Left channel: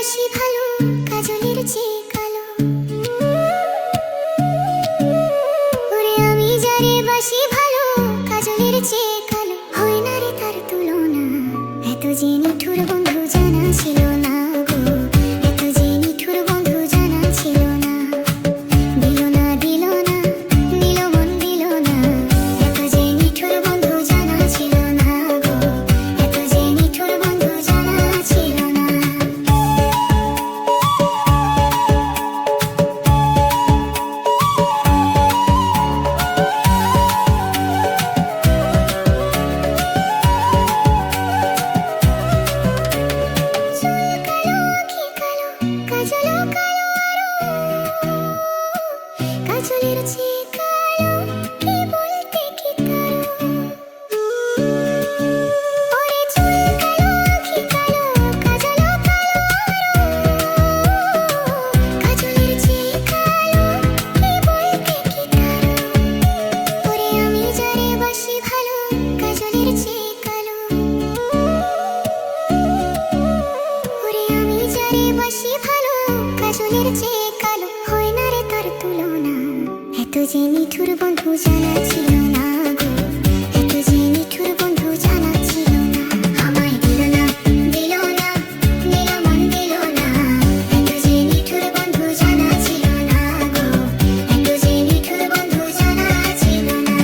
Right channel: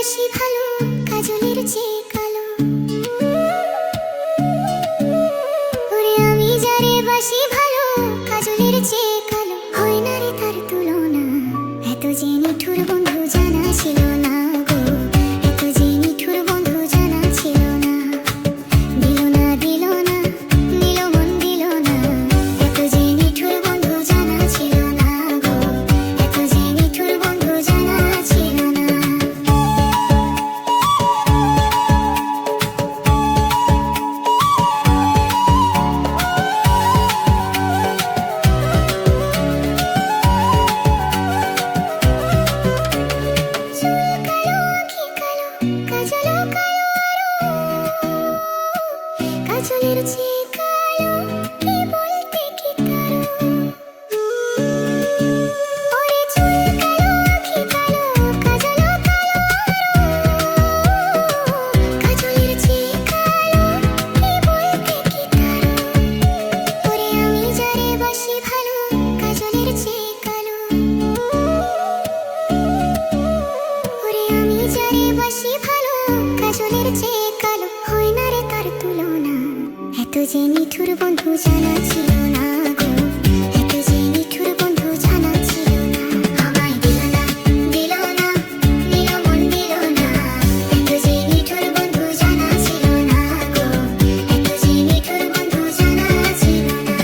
বাসি ভালো কাজলের চেয়ে কালো। ওরে আমি যারে বাসি ভালো কাজলের চেয়ে কালো, হয় না রে তার তুলনা। এত যে নিঠুর বন্ধু জানা ছিল না গো, এত যে নিঠুর বন্ধু জানা ছিল না। দিল না দিল না নিল মন দিল না, এত যে নিঠুর বন্ধু জানা ছিল না গো, এত যে নিঠুর বন্ধু জানা ছিল না। চুল কালো আঁখি কালো কাজলও কালো আরো, কাজলের চেয়ে কালো কি বলতে কি তারো। ওরে চুল কালো আঁখি কালো কাজলও কালো আরো, কাজলের চেয়ে কালো কি বলতে কি তারো। ওরে আমি যারে বাসি ভালো কাজলের চেয়ে কালো, ওরে আমি যারে বাসি ভালো কাজলের চেয়ে কালো, হয় না রে তার তুলনা। এত যে নিঠুর বন্ধু জানা ছিল না গো, এত যে নিঠুর বন্ধু জানা ছিল না। আমায় দিল না দিল না নিল মন দিল না, এত যে নিঠুর বন্ধু জানা ছিল না গো, এত যে নিঠুর বন্ধু জানা ছিল না।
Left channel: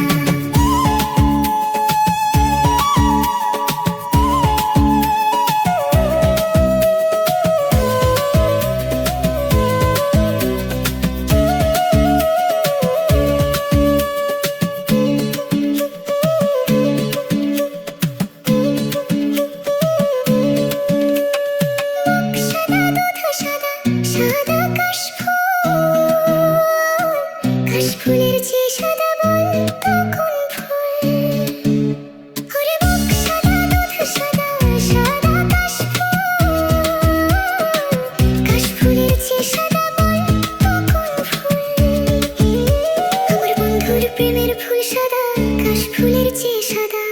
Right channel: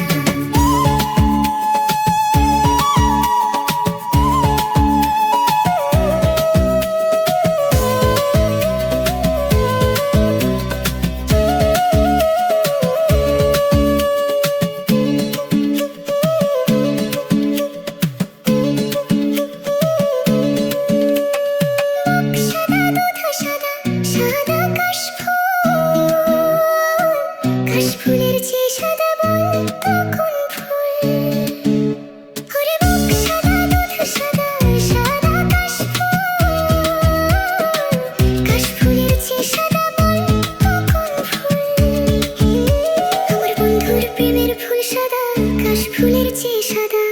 সাদা দুধ সাদা সাদা কাশফুলের চেয়ে সাদা বল তখন ফুল। ওরে বুক সাদা দুধ সাদা সাদা কাশফুলের চেয়ে সাদা বল তখন ফুল। আমার বন্ধুর প্রেমের ফুল সাদা কাশফুলের চেয়ে সাদা,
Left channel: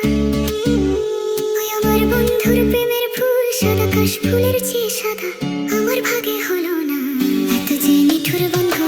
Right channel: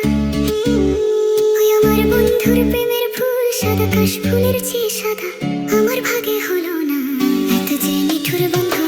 ওই আমার বন্ধুর প্রেমের ফুল সাদা কাশফুলের চেয়ে সাদা, আমার ভাগে হলো না। এত যে নিঠুর বন্ধু